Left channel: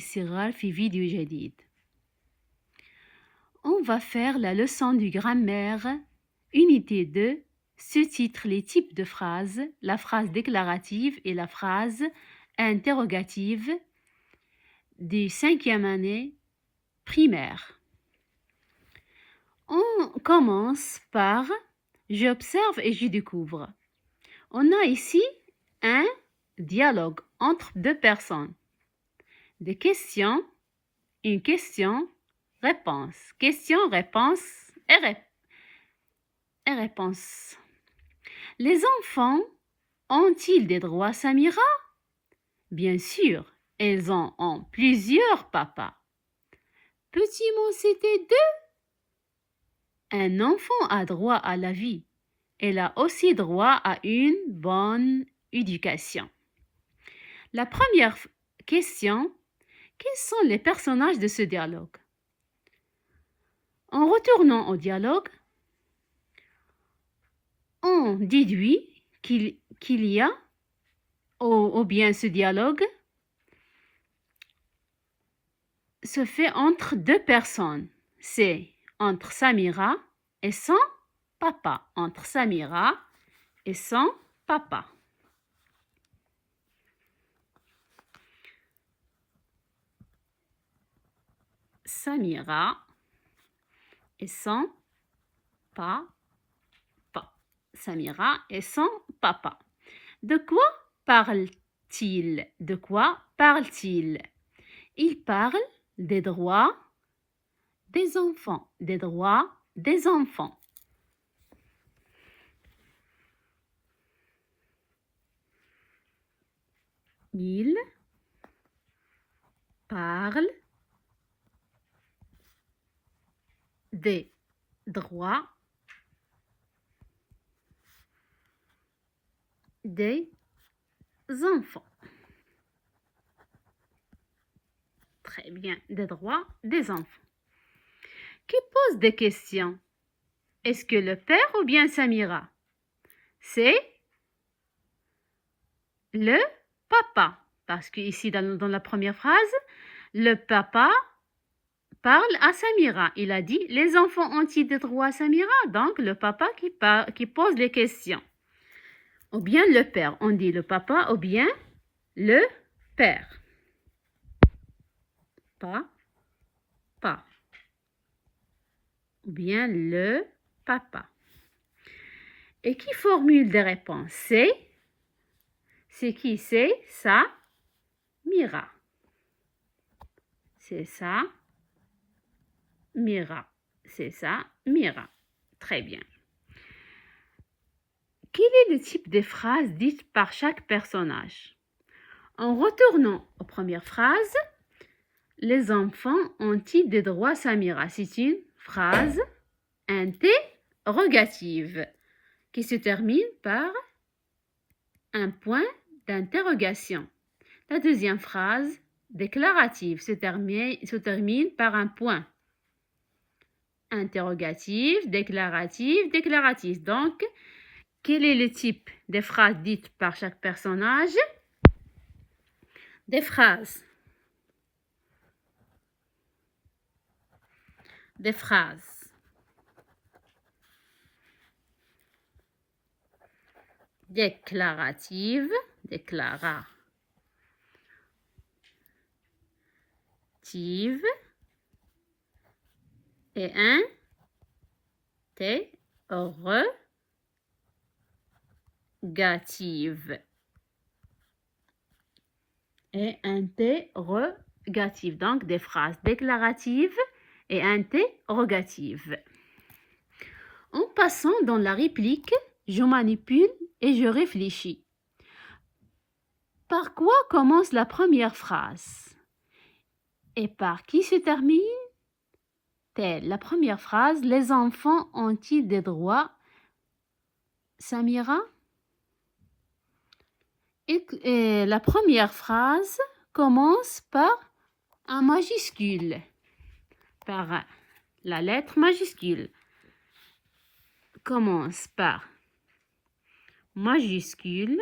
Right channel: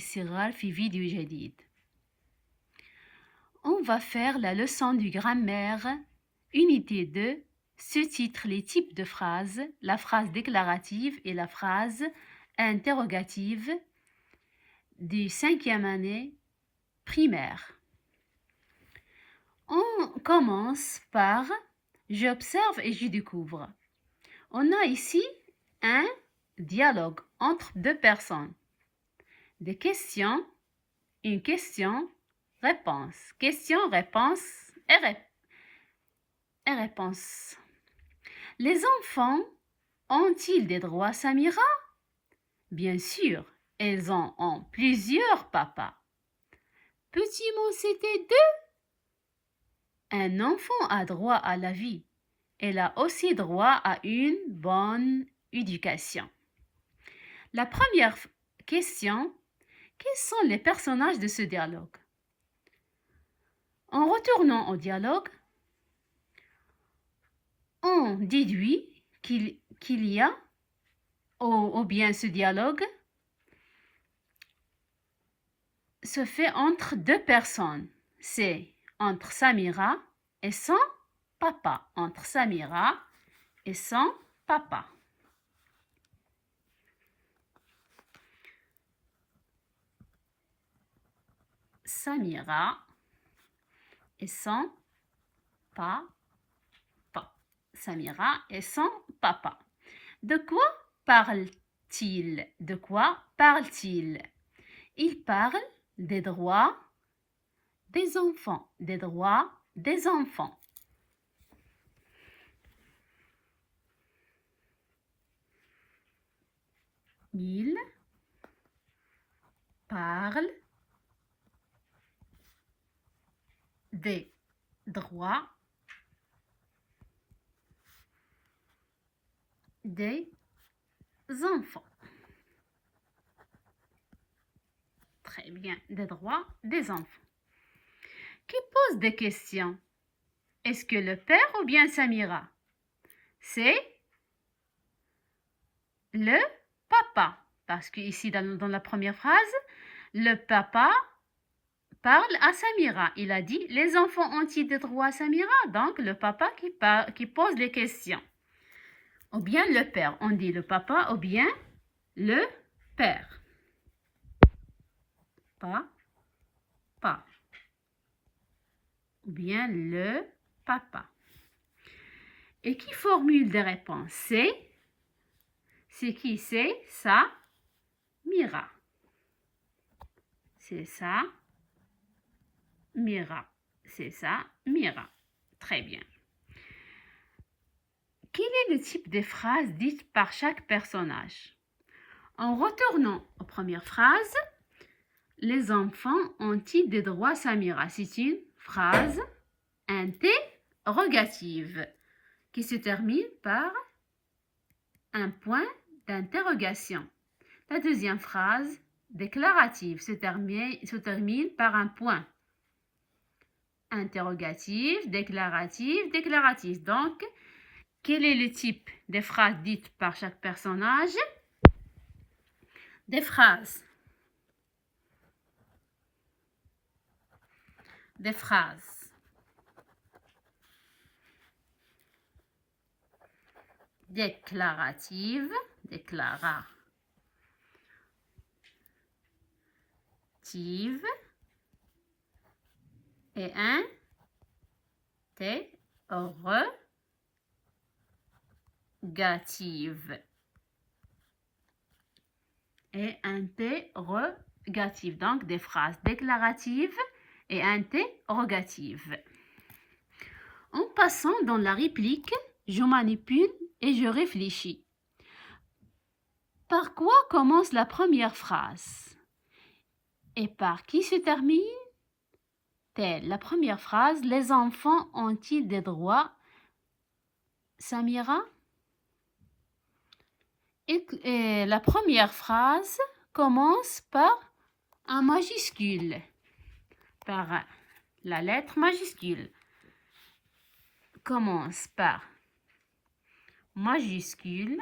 الاستغلال في فيديو جديد. On va faire la leçon du grammaire, unité 2, sous-titre les types de phrases, la phrase déclarative et la phrase interrogative du 5e année primaire. On commence par j'observe et je découvre. On a ici un dialogue entre deux personnes. Des questions, une question, réponse. Question, réponse et réponse. Les enfants ont-ils des droits, Samira? Bien sûr, elles en ont plusieurs, papa. Petit mot, c'était deux. Un enfant a droit à la vie. Elle a aussi droit à une bonne éducation. La première question, quels sont les personnages de ce dialogue? En retournant au dialogue, on déduit qu'il y a, ou bien ce dialogue se fait entre deux personnes. C'est entre Samira et son papa. Entre Samira et son papa. Samira et son papa. Samira et son papa. De quoi parle-t-il? De quoi parle-t-il? Il parle des droits des enfants. Des droits des enfants. Il parle des droits des enfants. Très bien, des droits des enfants. Qui pose des questions? Est-ce que le père ou bien Samira? C'est le papa. Parce que ici, dans la première phrase, le papa parle à Samira. Il a dit, les enfants ont-ils des droits à Samira? Donc, le papa qui pose les questions. Ou bien le père. On dit le papa ou bien le père. Pas. Ou bien le papa. Et qui formule des réponses? C'est qui? C'est Samira. C'est Samira. C'est Samira. Très bien. Quel est le type de phrase dite par chaque personnage? En retournant aux premières phrases, les enfants ont-ils des droits, Samira? C'est une phrase interrogative qui se termine par un point d'interrogation. La deuxième phrase, déclarative, se termine par un point. Interrogatif, déclaratif, déclaratif. Donc, quel est le type de phrases dites par chaque personnage? Des phrases. Déclarative, et interrogative. Donc, des phrases déclaratives et interrogatives. En passant dans la réplique, je manipule et je réfléchis. Par quoi commence la première phrase? Et par qui se termine? Telle. La première phrase, les enfants ont-ils des droits? Samira? Et la première phrase commence par un majuscule, par la lettre majuscule. Commence par majuscule.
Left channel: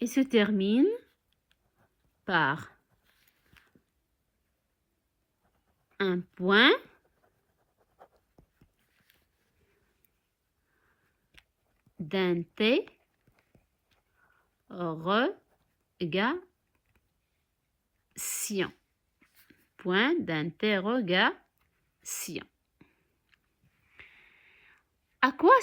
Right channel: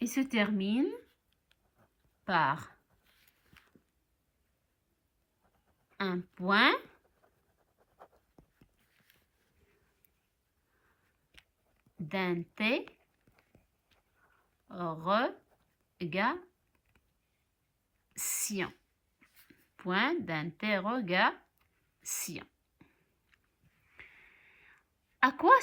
et se termine par un point d'interrogation. Point d'interrogation. À quoi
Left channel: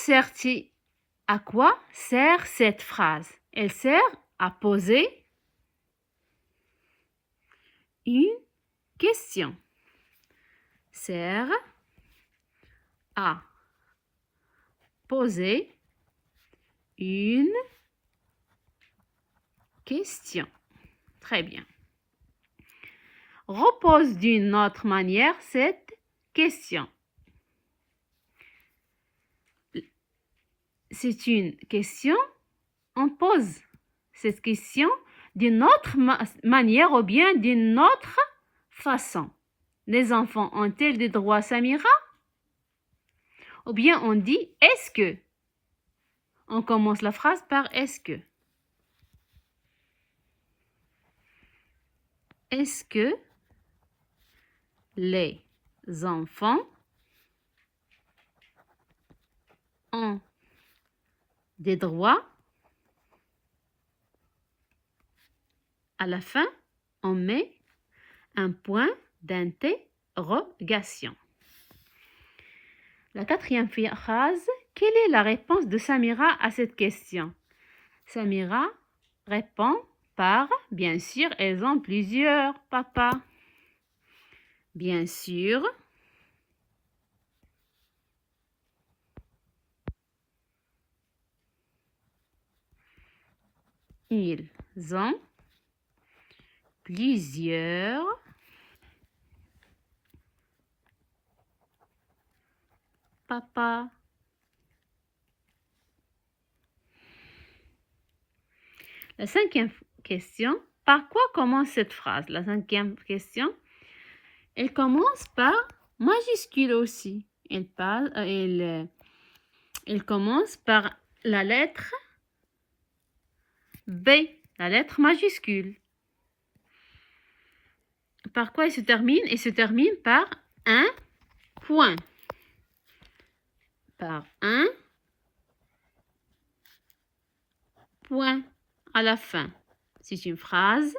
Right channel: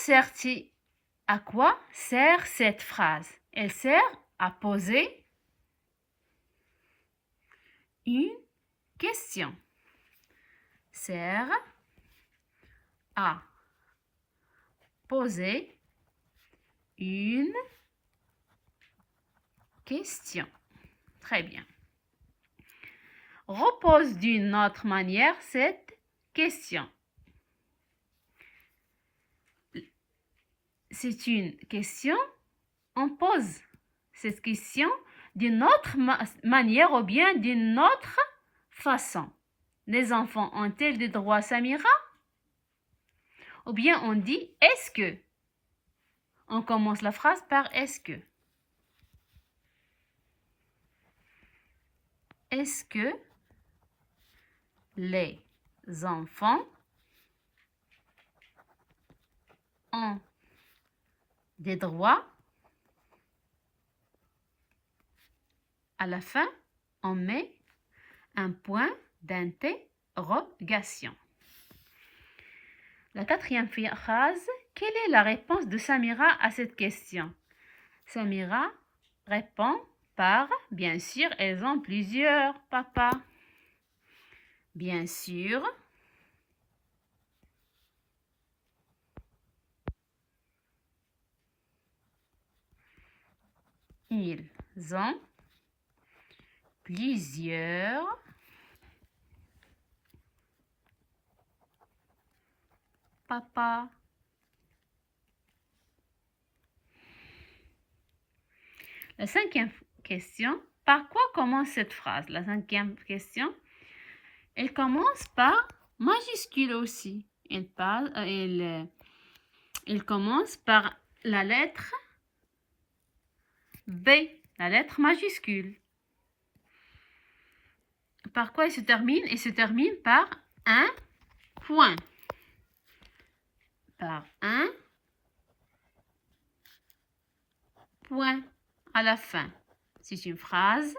sert cette phrase? Elle sert à poser une question. Sert à poser une question. Très bien. Repose d'une autre manière cette question. C'est une question, on pose cette question d'une autre manière ou bien d'une autre façon. Les enfants ont-ils des droits, Samira? Ou bien on dit est-ce que? On commence la phrase par est-ce que? Est-ce que les enfants ont des droits? À la fin, on met un point d'interrogation. La quatrième phrase, quelle est la réponse de Samira à cette question? Samira répond par, bien sûr, elles ont plusieurs papas. Bien sûr, ils ont plusieurs papas. La cinquième question, par quoi commence cette phrase? La cinquième question, elle commence par majuscule aussi. Elle commence par la lettre B, la lettre majuscule. Par quoi elle se termine? Elle se termine par un point. Par un point à la fin. C'est une phrase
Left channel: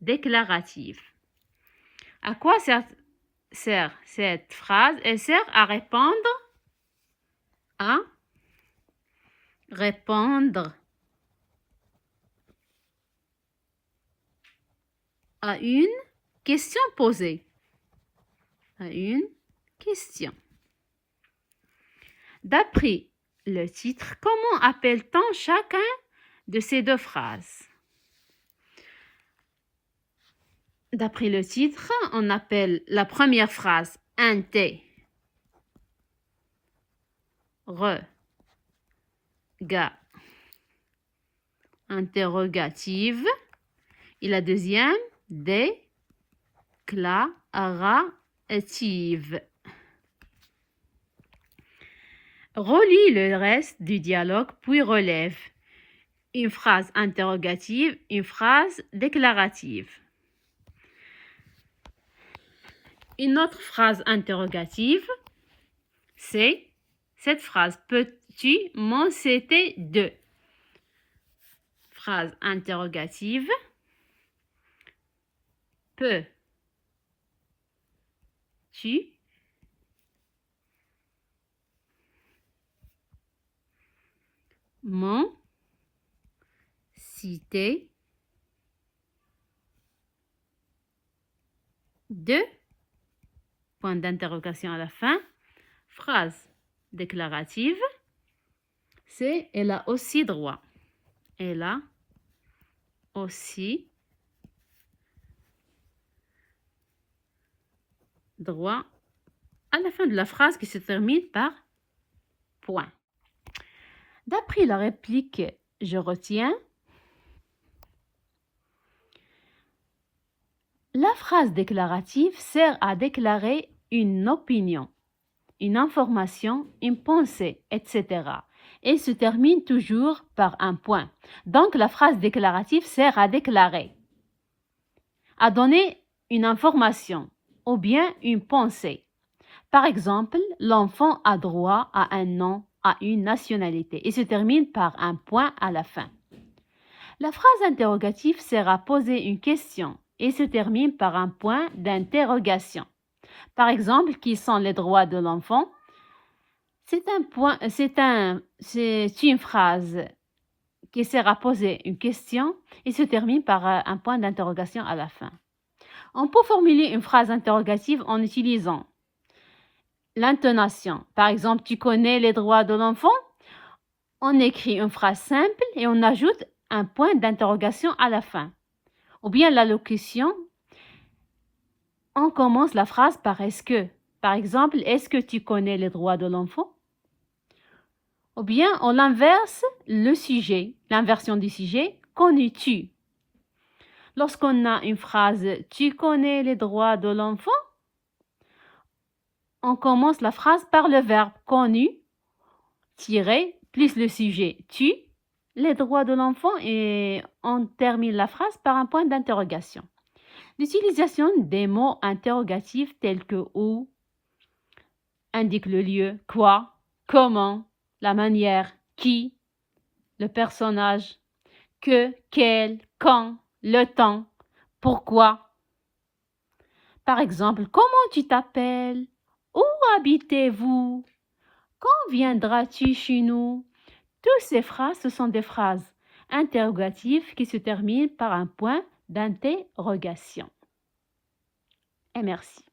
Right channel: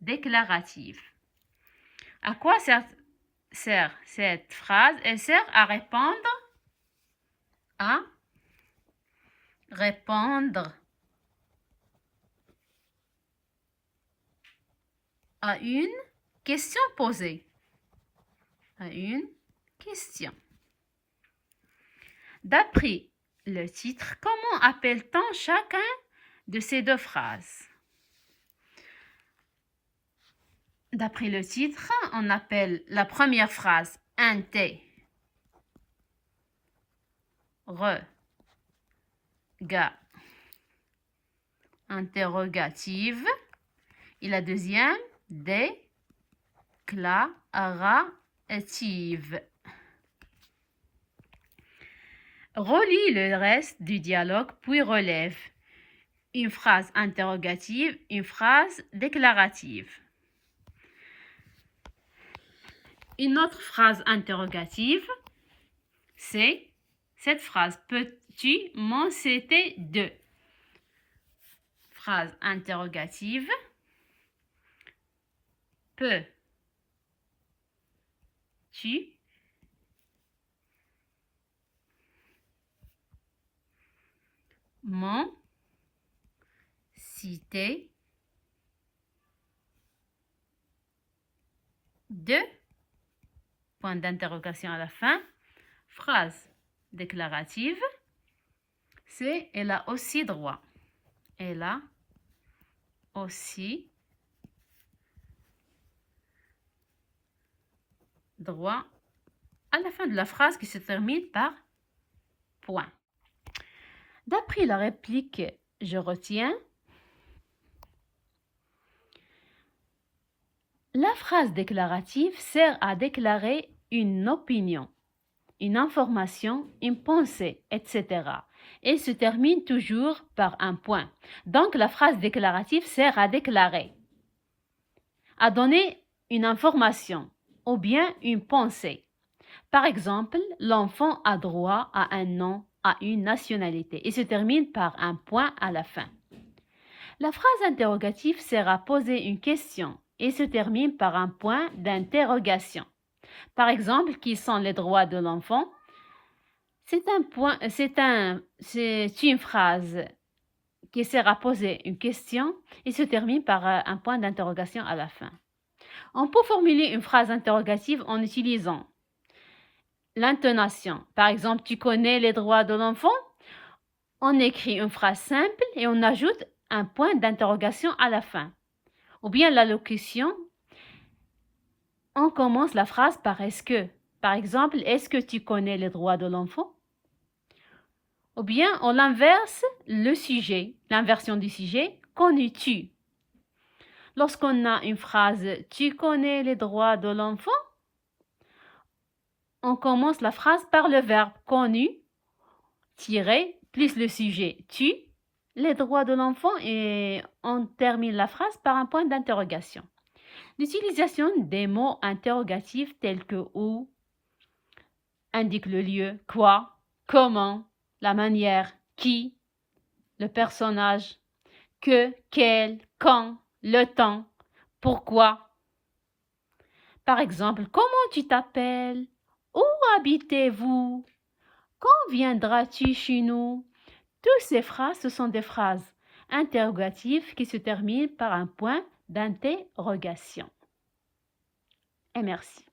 déclarative. À quoi sert cette phrase? Elle sert à répondre à une question posée. À une question. D'après le titre, comment appelle-t-on chacun de ces deux phrases? D'après le titre, on appelle la première phrase interrogative et la deuxième déclarative. Relis le reste du dialogue puis relève une phrase interrogative, une phrase déclarative. Une autre phrase interrogative, c'est cette phrase. Peux-tu m'en citer deux? Phrase interrogative. Peux-tu m'en citer deux? Point d'interrogation à la fin. Phrase déclarative, c'est elle a aussi droit. Elle a aussi droit à la fin de la phrase qui se termine par point. D'après la réplique, je retiens. La phrase déclarative sert à déclarer une opinion, une information, une pensée, etc. et se termine toujours par un point. Donc, la phrase déclarative sert à déclarer, à donner une information ou bien une pensée. Par exemple, l'enfant a droit à un nom, à une nationalité et se termine par un point à la fin. La phrase interrogative sert à poser une question et se termine par un point d'interrogation. Par exemple, qui sont les droits de l'enfant? C'est une phrase qui sert à poser une question et se termine par un point d'interrogation à la fin. On peut formuler une phrase interrogative en utilisant l'intonation. Par exemple, tu connais les droits de l'enfant? On écrit une phrase simple et on ajoute un point d'interrogation à la fin. Ou bien la locution, on commence la phrase par est-ce que. Par exemple, est-ce que tu connais les droits de l'enfant? Ou bien on inverse le sujet, l'inversion du sujet, connais-tu? Lorsqu'on a une phrase tu connais les droits de l'enfant, on commence la phrase par le verbe connu, tirer, plus le sujet tu, les droits de l'enfant et on termine la phrase par un point d'interrogation. L'utilisation des mots interrogatifs tels que où indique le lieu, quoi, comment, la manière, qui, le personnage, que, quel, quand, le temps, pourquoi. Par exemple, comment tu t'appelles? Où habitez-vous? Quand viendras-tu chez nous? Toutes ces phrases, ce sont des phrases interrogatives qui se terminent par un point d'interrogation. Et merci.